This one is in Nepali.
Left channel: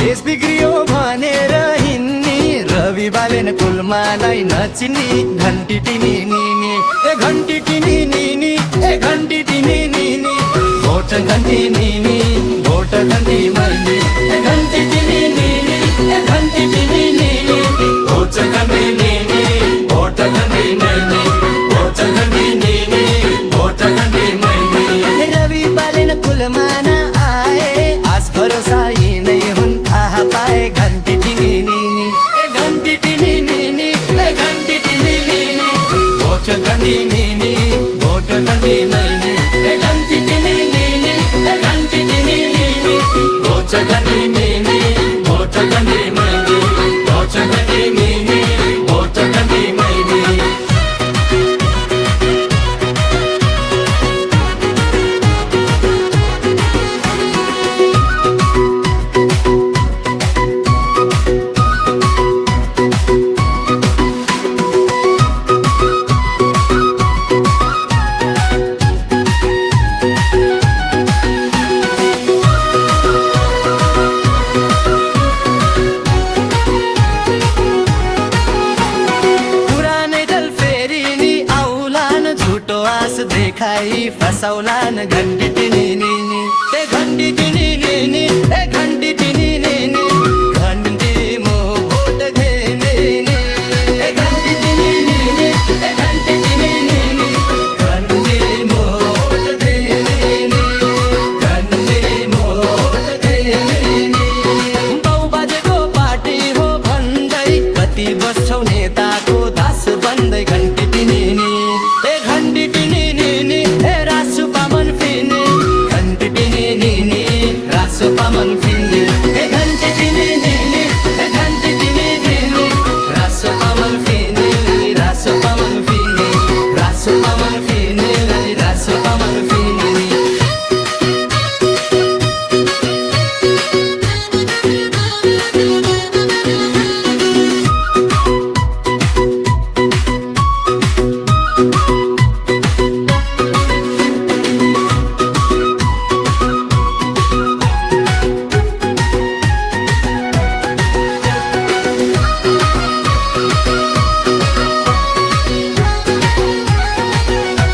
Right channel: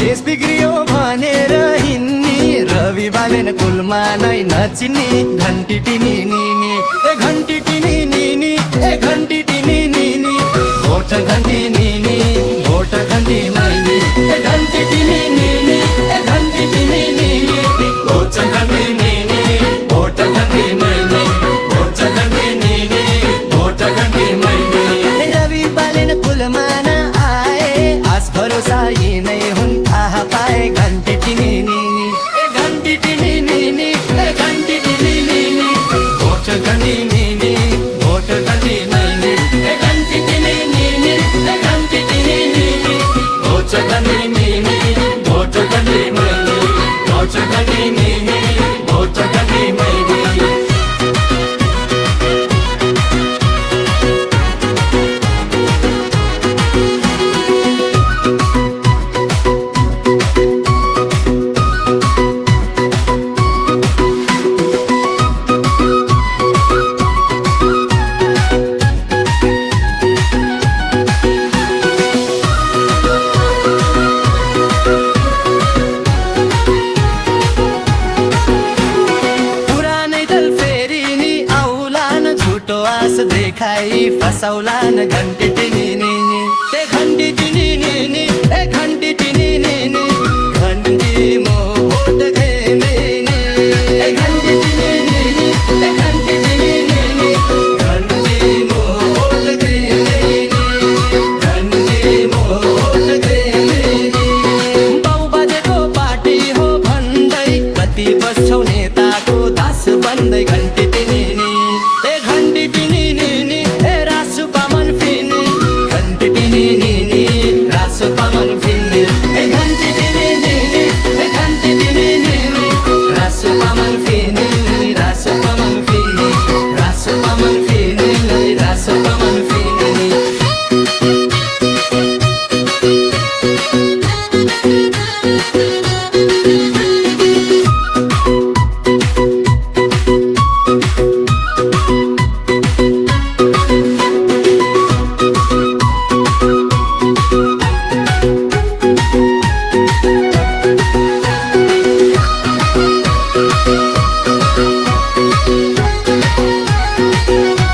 देश बिग्रियो भनेर हिन्नी रवि बालेन कुलमालाई नचिन्नी घन्टी टिनी निनी ए घन्टी टिनी निनी ए घन्टी टिनी निनी भोट घन्टी निनी भोट घन्टी मैनी ए घन्टी टिनी निनी ए घन्टी टिनी निनी भोट घन्टी निनी भोट घन्टी मैनी भोट घन्टी निनी भोट घन्टी मैनी रवि बालेन कुलमाना आए आस भरोसा यी नै हुन् थाहा पाए घन्टी टिनी निनी ए घन्टी टिनी निनी ए घन्टी टिनी निनी भोट घन्टी निनी भोट घन्टी मैनी ए घन्टी टिनी निनी ए घन्टी टिनी निनी भोट घन्टी निनी भोट घन्टी मैनी भोट घन्टी निनी भोट घन्टी मैनी झुटो आस देखाई फसौलान घन्टी टिनी निनी ए घन्टी टिनी निनी ए घन्टी टिनी निनी घन्टी मो भोट घेमेनी ए घन्टी टिनी निनी ए घन्टी टिनी निनी घन्टी मो भोट घेमेनी घन्टी मो भोट घेमेनी बाउ बाजेको पार्टी हो भन्दै कति बस्छौ नेताको दास बन्दै